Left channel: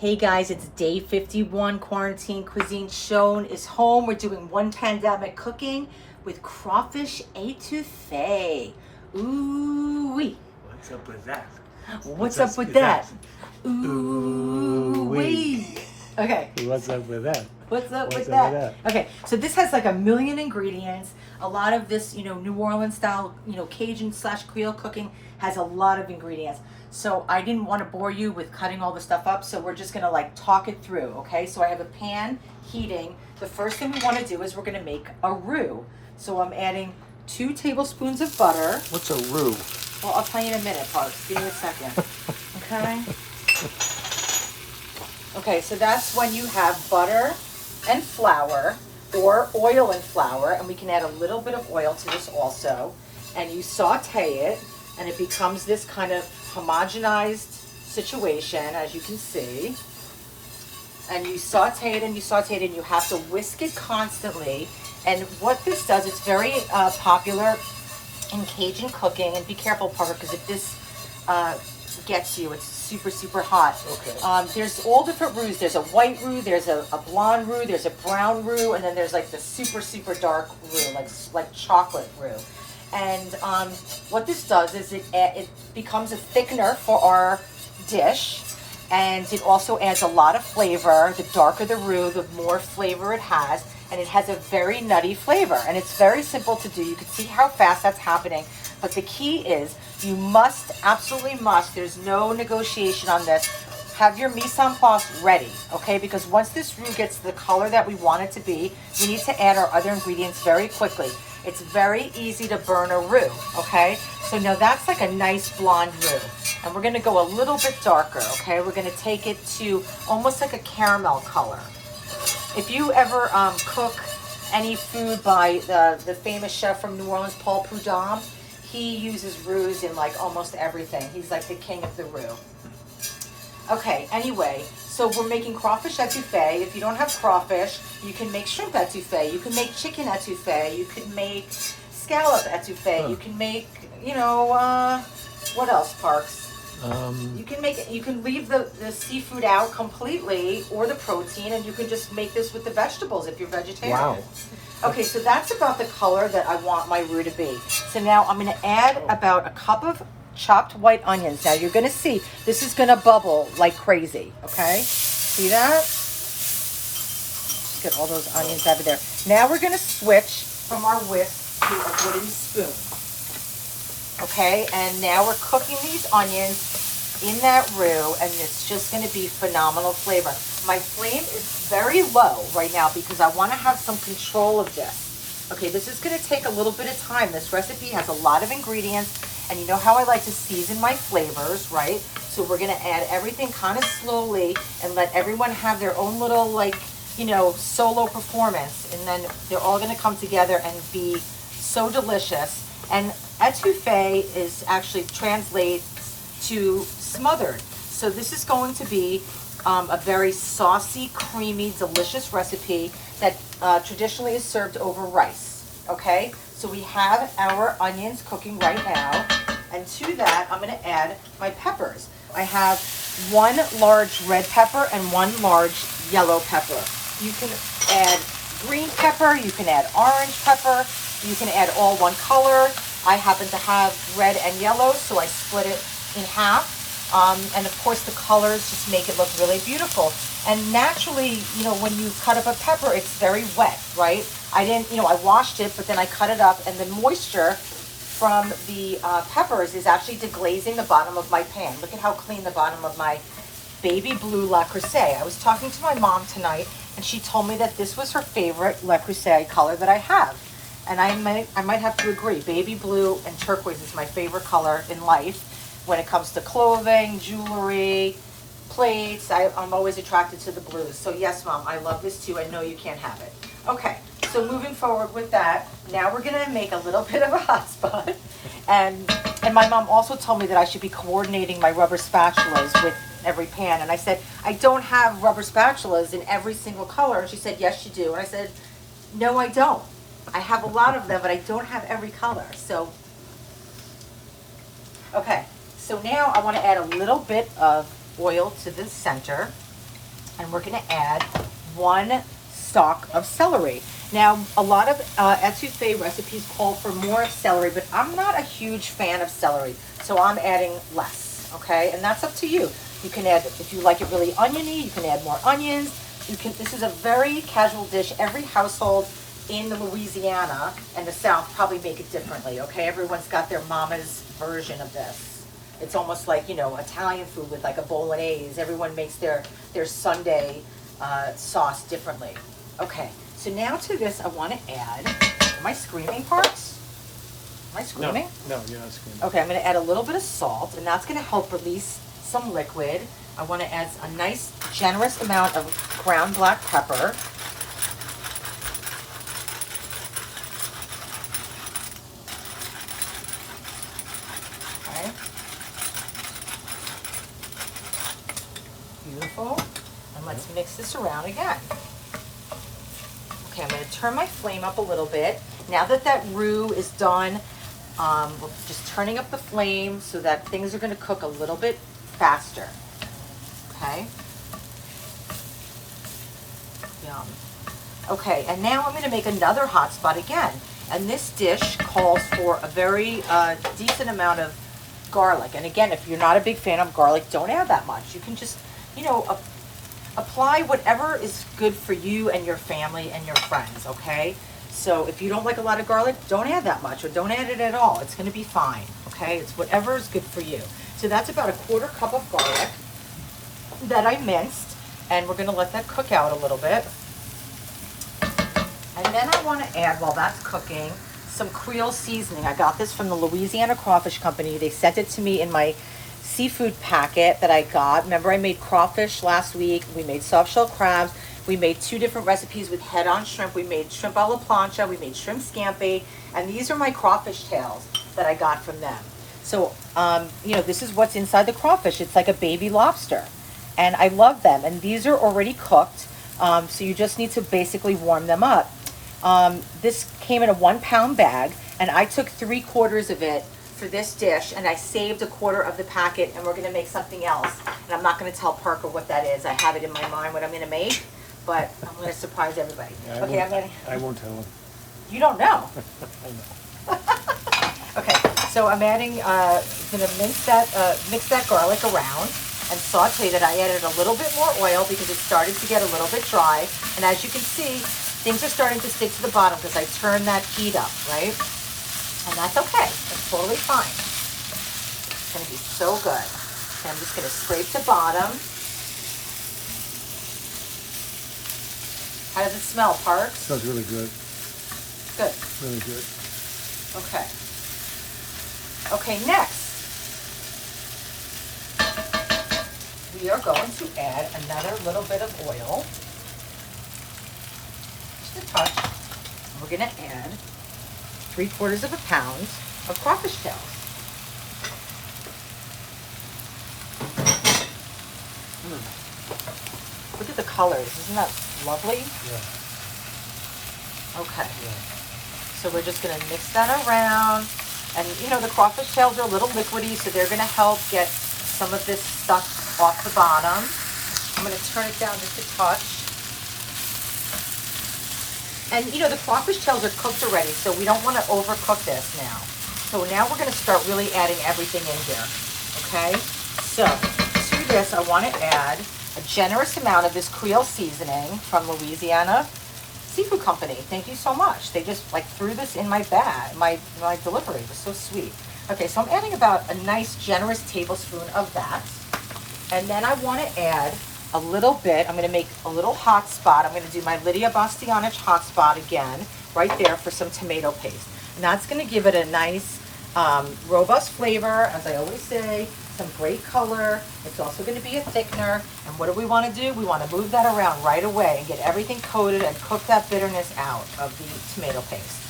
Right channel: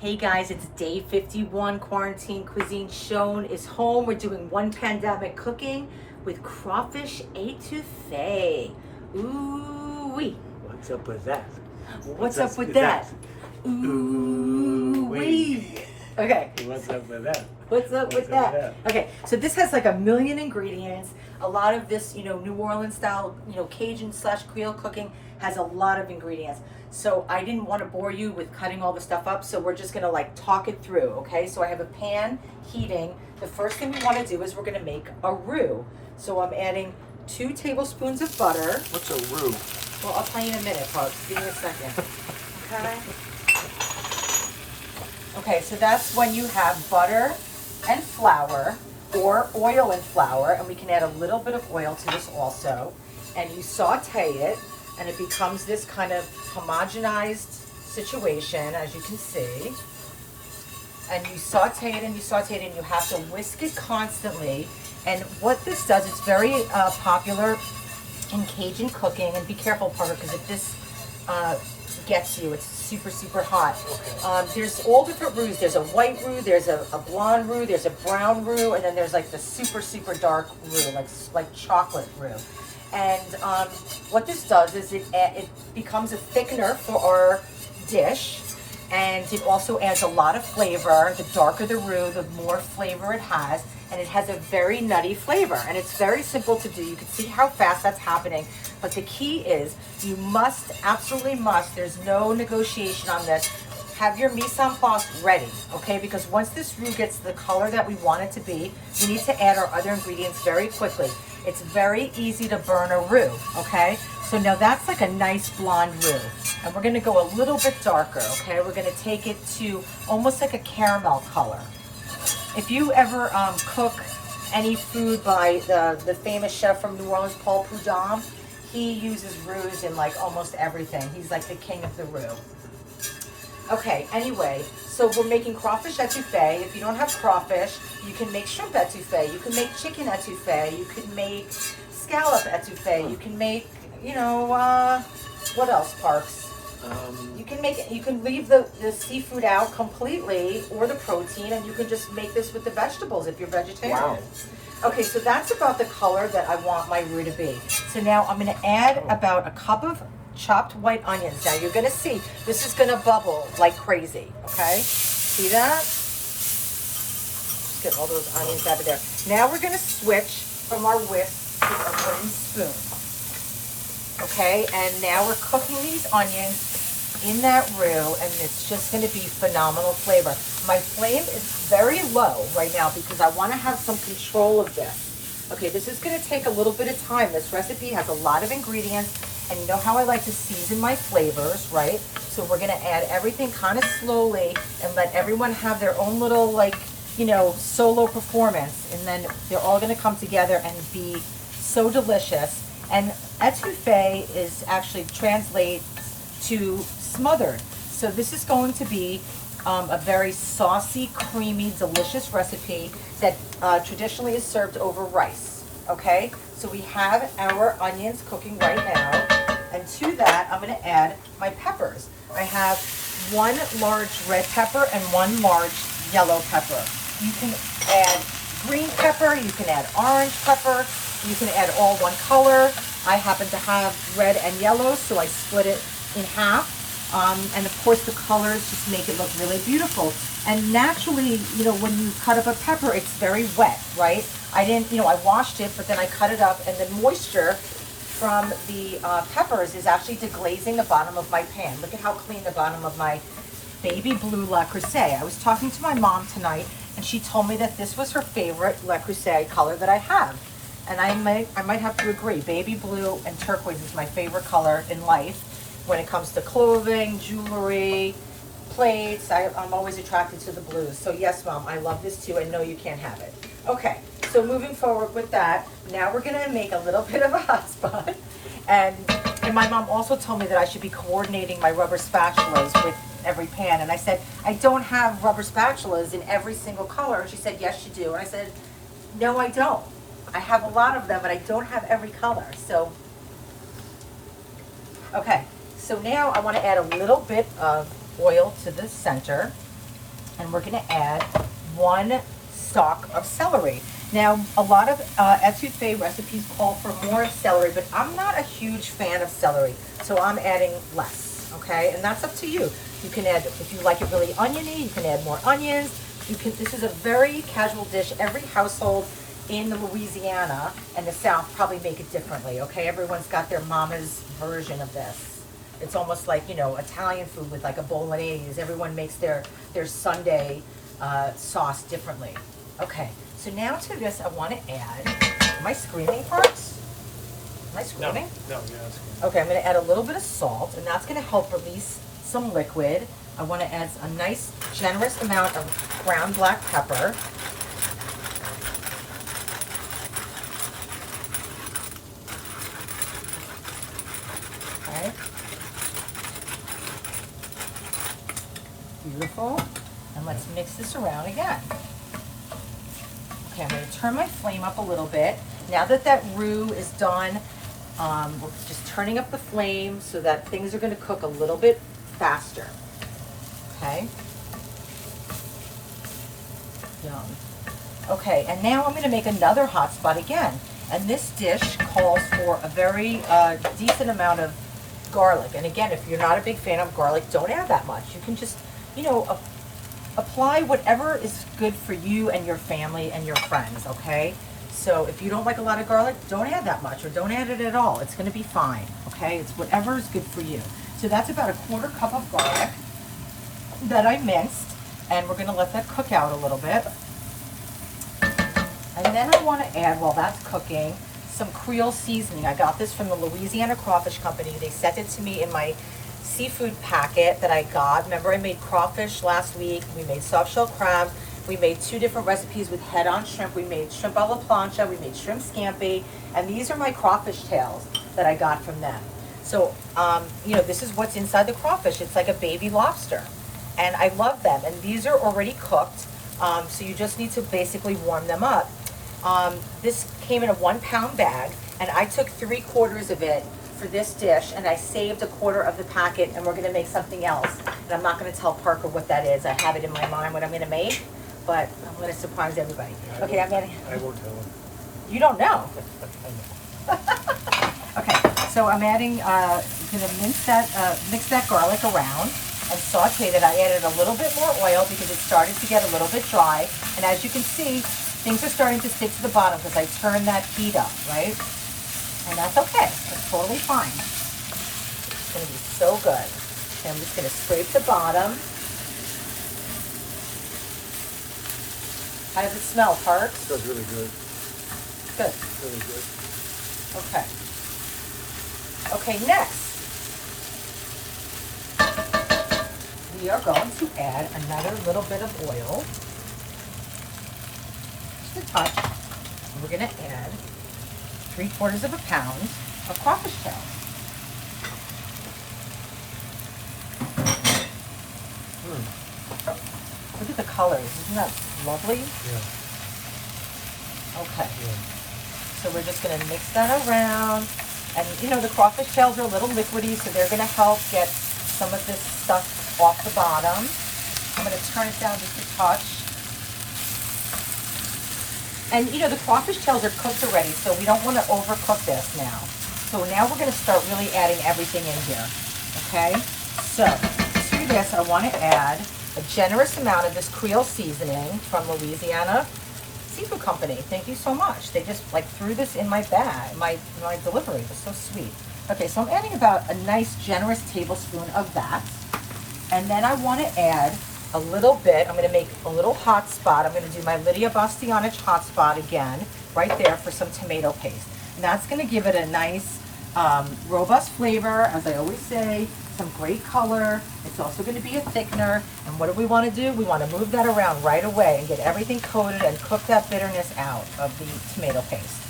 Hey guys, it's day 51, Quarantine Cuisine. Schoen is home. We're doing one pandemic cooking with crawfish etouffee. Ooh-wee. What's up with that? What's up with that? Ooh-wee. Okay. What's up with that? What's up with that? Okay, so this has like a million ingredients. A lot of this, New Orleans style, Cajun/Creole cooking has a lot of ingredients. So I didn't want to bore you with cutting all the stuff up, so we're just gonna like talk it through, okay? So I have a pan heating. The first thing we want to do is we're gonna make a roux. So I'm adding 2 tablespoons of butter. What's a roux? Well, I'll tell you in a minute, folks. Give me a second. Okay? Okay, so that's when you have butter and flour, or oil and flour, and we can add a little bit of oil to this also. And you saute it, and it becomes this kind of homogenized situation, as you can see. And you saute it and you saute it, and you have to whisk it constantly. And what this does, it's very popular in Cajun cooking. And be careful, Parker, because if this gets you, it's super, super hot. There's all different roux. There's a white roux, there's a blonde roux, there's a brown roux, and then there's like the super, super dark roux, like chocolate roux. And what this does is it becomes a thickener for our dish, and it also adds a lot of flavor. The darker the roux, the more flavor it has, and it has a very nutty flavor. And it's very simple to do. You can see how fast that's happening. But the key is you must, absolutely must, there's no negotiation on this, have your mise en place ready, okay? Because once this roux gets the color that we want it to be, we need to add our other ingredients very quickly. It's very easy to burn a roux, okay? So now that's like a nice blonde roux. And we're gonna go a little bit darker, okay? We're gonna take it to almost like a caramel color. If you ever cook any food by the famous chef from New Orleans, Paul Prudhomme, he uses roux in like almost everything. He's like the king of the roux. Okay, anyway, so we're making crawfish etouffee. If you don't have crawfish, you can make shrimp etouffee. You can make chicken etouffee. You can make scallop etouffee. You can make, what else, Parks? You can leave the seafood out completely, or the protein, and you can just make this with the vegetables if you're vegetarian. Wow. Okay, so that's about the color that I want my roux to be. So now I'm gonna add about a cup of chopped white onions. Now you're gonna see, this is gonna bubble like crazy, okay? See that? Just get all those onions out of there. Now we're gonna switch from our whisk to a wooden spoon. Okay, and now we're cooking these onions in that roux, and it's just gonna be phenomenal flavor. My flame is very low right now because I wanna have some control of this. Okay, this is gonna take a little bit of time. This recipe has a lot of ingredients, and you know how I like to season my flavors, right? So we're gonna add everything kind of slowly and let everyone have their own little, solo performance, and then they're all gonna come together and be so delicious. And etouffee is actually translates to smothered. So this is going to be a very saucy, creamy, delicious recipe that traditionally is served over rice, okay? So we have our onions cooking right now, and to that, I'm gonna add my peppers. I have 1 large red pepper and 1 large yellow pepper. You can add green pepper, you can add orange pepper, you can add all one color. I happen to have red and yellow, so I split it in half. And of course the colors just make it look really beautiful. And naturally, when you cut up a pepper, it's very wet, right? I didn't, I washed it, but then I cut it up, and the moisture from the peppers is actually deglazing the bottom of my pan. Look at how clean the bottom of my baby blue lecruset. I was talking to my mom tonight, and she told me that this was her favorite lecruset color that I have. And I might have to agree. Baby blue and turquoise is my favorite color in life. When it comes to clothing, jewelry, plates, I'm always attracted to the blues. So yes, Mom, I love this too, and no, you can't have it. Okay, so moving forward with that, now we're gonna make a little bit of a hot spot. And my mom also told me that I should be coordinating my rubber spatulas with every pan. And I said, I don't have rubber spatulas in every single color. And she said, yes, you do. And I said, no, I don't. I have a lot of them, but I don't have every color. So, okay. So now I want to add a little bit of oil to the center. And we're gonna add 1 stalk of celery. Now, a lot of etouffee recipes call for more celery, but I'm not a huge fan of celery, so I'm adding less, okay? And that's up to you. You can add, if you like it really oniony, you can add more onions. This is a very casual dish. Every household in Louisiana and the South probably make it differently, okay? Everyone's got their mama's version of this. It's almost like, you know, Italian food with like a bolognese. Everyone makes their Sunday sauce differently. Okay, so now to this I want to add, am I screaming, Parks? Am I screaming? No, you're not screaming. Okay, I'm going to add a little bit of salt, and that's going to help release some liquid. I want to add a nice, generous amount of ground black pepper. Okay. Beautiful. And let's mix this around again. Okay, I'm going to turn my flame up a little bit. Now that that roux is done, we're just turning up the flame so that things are going to cook a little bit faster. Okay. Yum. Okay, and now I'm going to make another hot spot again. And this dish calls for a very decent amount of garlic. And again, if you're not a big fan of garlic, don't add that much. You can just, you know, apply whatever is good for you and your family and your friends, okay? So if you don't like a lot of garlic, don't add that much or don't add it at all. It's going to be fine, okay? It's whatever is good for you. So that's about a 1/4 cup of garlic that I minced, and we're going to let that cook out a little bit. And then I want to add, while that's cooking, some Creole seasoning. I got this from the Louisiana Crawfish Company. They sent it to me in my seafood packet that I got. Remember, I made crawfish last week. We made soft shell crabs. We made 2 different recipes with head-on shrimp. We made shrimp a la plancha. We made shrimp scampi. And these are my crawfish tails that I got from them. So, you know, this is what's inside the crawfish. It's like a baby lobster. And I love them. And these are already cooked. So you just need to basically warm them up. This came in a 1-pound bag. And I took 3/4 of it for this dish, and I saved a 1/4 of the packet, and we're going to make something else. And I'm not going to tell Parker what that is. I have it in my mind what I'm going to make, but I'm going to surprise everybody. Okay, I'm adding. I won't tell him. You don't know. Okay, so I'm adding. Going to mix that garlic around and saute that. I added a little bit more oil because it started to get a little bit dry, and as you can see, things are starting to stick to the bottom because I turned that heat up, right? And that's okay. That's totally fine. It's going to be so good. Okay, I'm just going to scrape the bottom. How does it smell, Parks? Smells really good. Good. Really good. Okay. Okay, next, we are going to add another little bit of oil. Just a touch. And we're going to add 3/4 of a pound of crawfish tail. Look at the colors. Isn't that lovely? Yeah. Okay. Yeah. So we're just going to mix that around. And, you know, the crawfish tails are a little liquidy, so they're going to help get some of this stuff off the bottom. I'm going to turn it down just a touch. And, you know, the crawfish tails are cooked already, so we don't want to overcook this now. So now we're going to start really adding everything in here, okay? So to this, I want to add a generous amount of this Creole seasoning from Louisiana Seafood Company. Thank you so much. They just like threw this in my bag, my delivery. It was so sweet. Okay, so I'm adding about a nice generous tablespoon of that. And then I want to add a little bit, I'm going to make a little hot spot. I'm going to do my Lydia Bastianich hot spot again, right there for some tomato paste. And that's going to give it a nice, robust flavor, as I always say, some great color. It's also going to be a thickener. And what do we want to do? We want to move that around right away and get everything coated and cook that bitterness out of the tomato paste.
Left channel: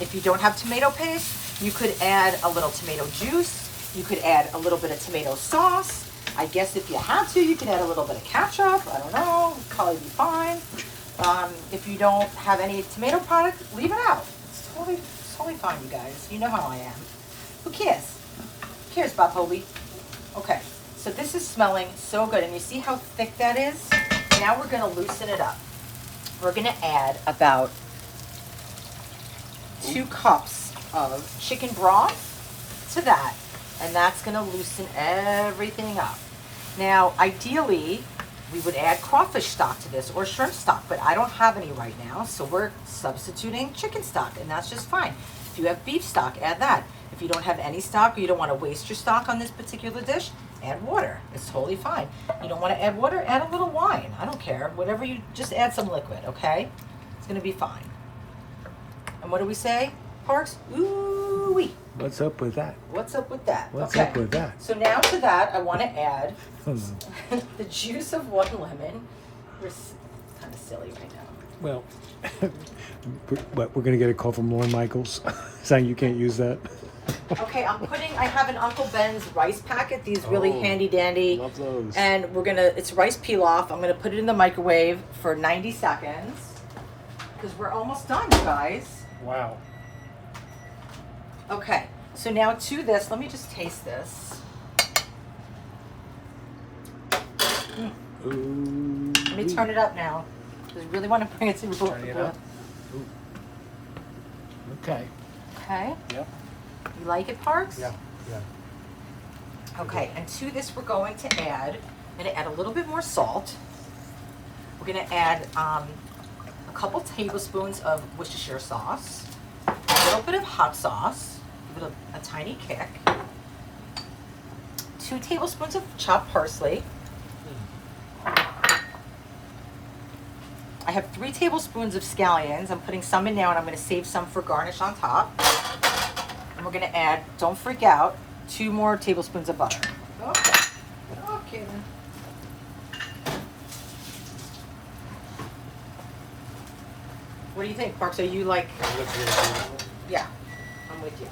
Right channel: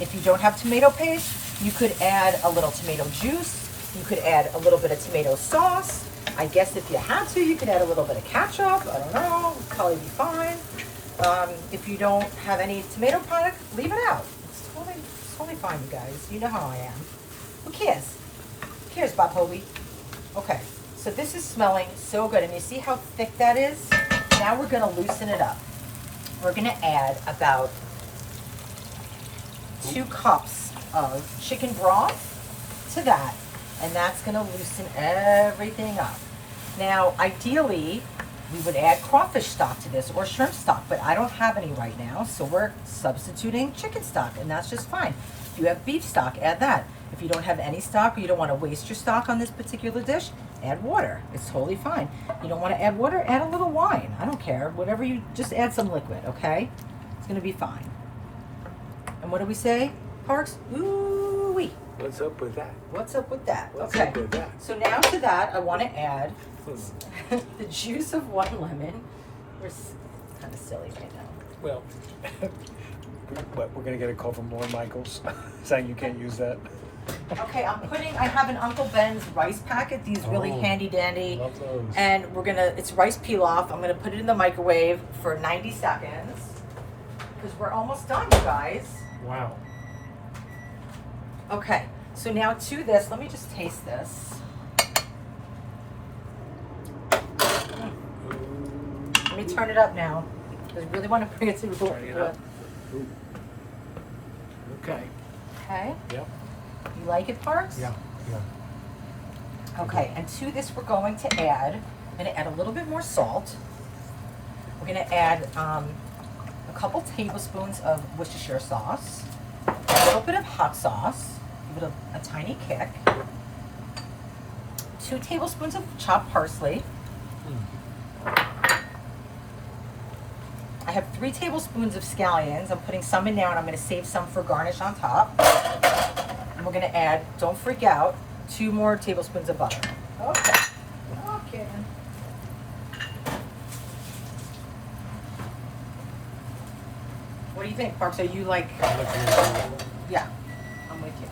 If you don't have tomato paste, you could add a little tomato juice. You could add a little bit of tomato sauce. I guess if you had to, you could add a little bit of ketchup. I don't know. It'd probably be fine. If you don't have any tomato product, leave it out. It's totally fine, you guys. You know how I am. Who cares? Who cares, Bob Holy? Okay, so this is smelling so good. And you see how thick that is? now we're gonna loosen it up. We're gonna add about 2 cups of chicken broth to that, and that's gonna loosen everything up. Now, ideally, we would add crawfish stock to this or shrimp stock, but I don't have any right now, so we're substituting chicken stock, and that's just fine. If you have beef stock, add that. If you don't have any stock or you don't want to waste your stock on this particular dish, add water. It's totally fine. You don't want to add water, add a little wine. I don't care. Whatever you, just add some liquid, okay? It's going to be fine. And what do we say, Parks? Ooh-wee. What's up with that? What's up with that? What's Okay. up with that? So now to that, I want to add the juice of 1 lemon. You're kind of silly right now. Well, we're going to get a call from Lauren Michaels saying you can't use that. Okay, I have an Uncle Ben's rice packet, these really handy dandy. Love those. And it's rice pilaf. I'm gonna put it in the microwave for 90 seconds. Because we're almost done, you guys. Wow. Okay, so now to this, let me just taste this. Ooh. Let me turn it up now. Because I really want to bring it to the Turn it up. Ooh. Okay. Okay, Yep. you like it, Parks? Yeah. Okay, and to this we're going to add, I'm gonna add a little bit more salt. We're gonna add a couple tablespoons of Worcestershire sauce, a little bit of hot sauce, give it a tiny kick, 2 tablespoons of chopped parsley. I have 3 tablespoons of scallions. I'm putting some in now and I'm gonna save some for garnish on top. And we're gonna add, don't freak out, 2 more tablespoons of butter. Okay. Okay then. What do you think, Parks? Are you like, yeah, I'm with you.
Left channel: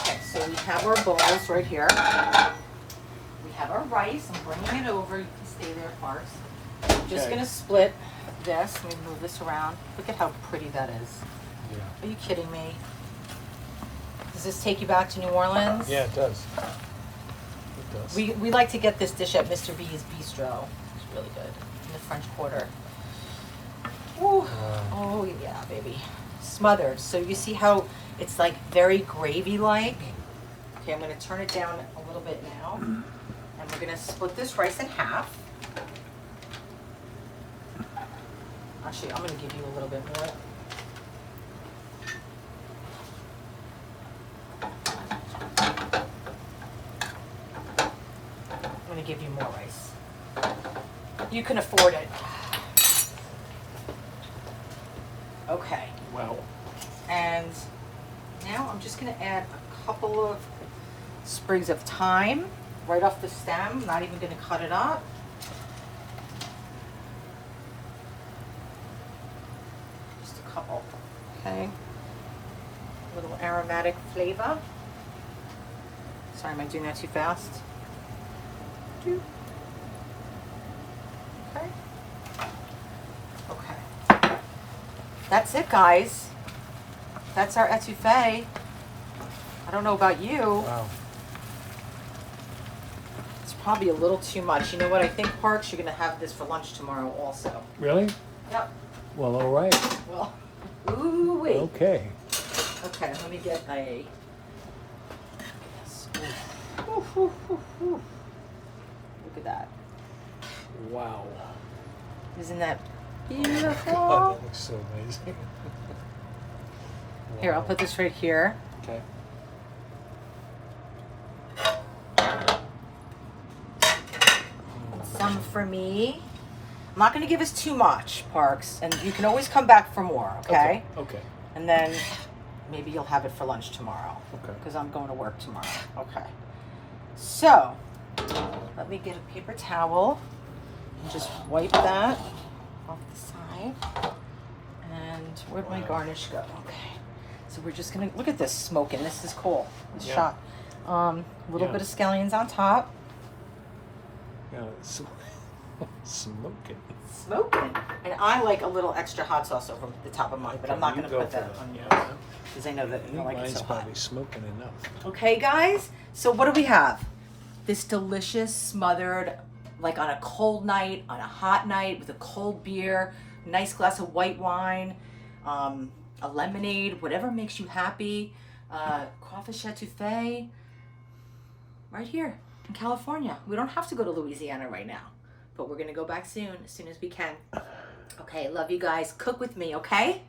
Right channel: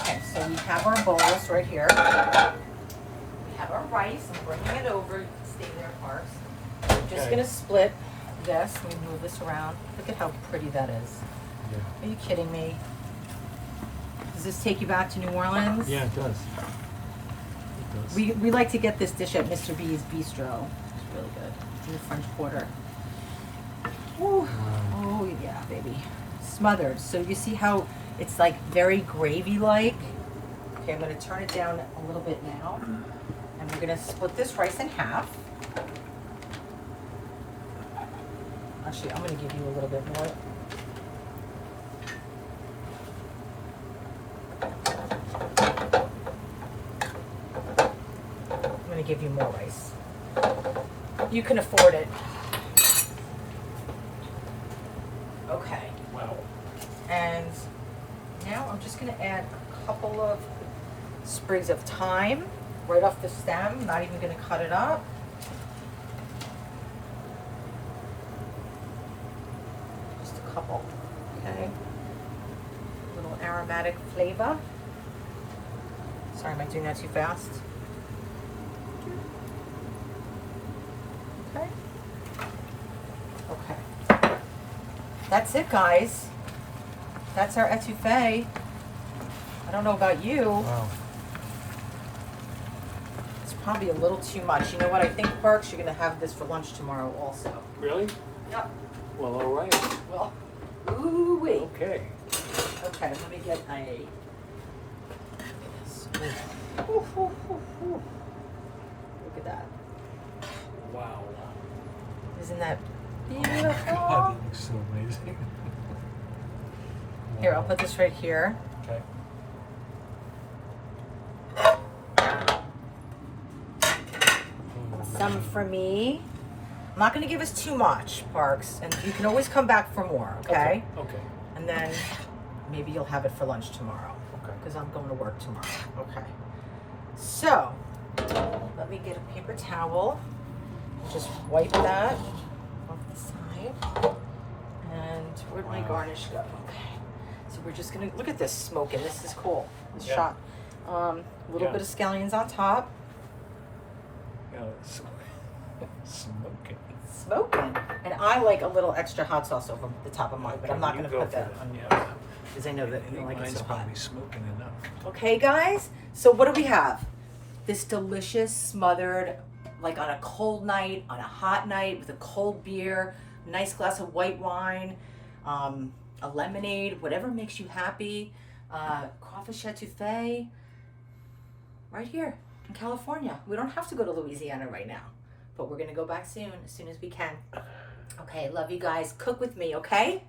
Okay, so we have our bowls right here. We have our rice. I'm bringing it over. You can stay there, Parks. I'm just gonna split this. Let me move this around. Look at how pretty that is. Yeah. Are you kidding me? Does this take you back to New Orleans? Yeah, it does. It does. We like to get this dish at Mr. B's Bistro. It's really good. In the French Quarter. Oh, oh yeah, baby. Smothered. So you see how it's like very gravy-like? Okay, I'm gonna turn it down a little bit now. And we're gonna split this rice in half. Actually, I'm gonna give you a little bit more. I'm gonna give you more rice. You can afford it. Okay. Wow. And now I'm just gonna add a couple of sprigs of thyme right off the stem. Not even gonna cut it up. Just a couple, okay? A little aromatic flavor. Sorry, am I doing that too fast? Okay. Okay. That's it, guys. That's our etouffee. I don't know about you. Wow. It's probably a little too much. You know what? I think, Parks, you're going to have this for lunch tomorrow also. Really? Yep. Well, all right. Well, ooh-wee. Okay. Okay, let me get a... Ooh, ooh, ooh, ooh. Look at that. Wow. Isn't that God, beautiful? that looks so amazing. Here, I'll put this right here. Okay. Some for me. I'm not going to give us too much, Parks, and you can always come back for more, okay? Okay. And then maybe you'll have it for lunch tomorrow, Okay. because I'm going to work tomorrow. Okay. So, let me get a paper towel and just wipe that off the side. And where'd my garnish go? Okay. So we're just gonna look at this smoking. This is cool. This Yeah. shot. A little Yeah. bit of scallions on top. Yeah, it's smoking. Smoking. And I like a little extra hot sauce over the top of mine, but I'm not You gonna go put for that it. on you Yeah. because I know that I you think don't like it mine's so hot. probably smoking enough. Okay, guys. So what do we have? This delicious smothered like on a cold night, on a hot night with a cold beer, nice glass of white wine, a lemonade, whatever makes you happy. Crawfish Etouffee, right here in California. We don't have to go to Louisiana right now, but we're gonna go back soon, as soon as we can. Okay, love you guys. Cook with me, okay?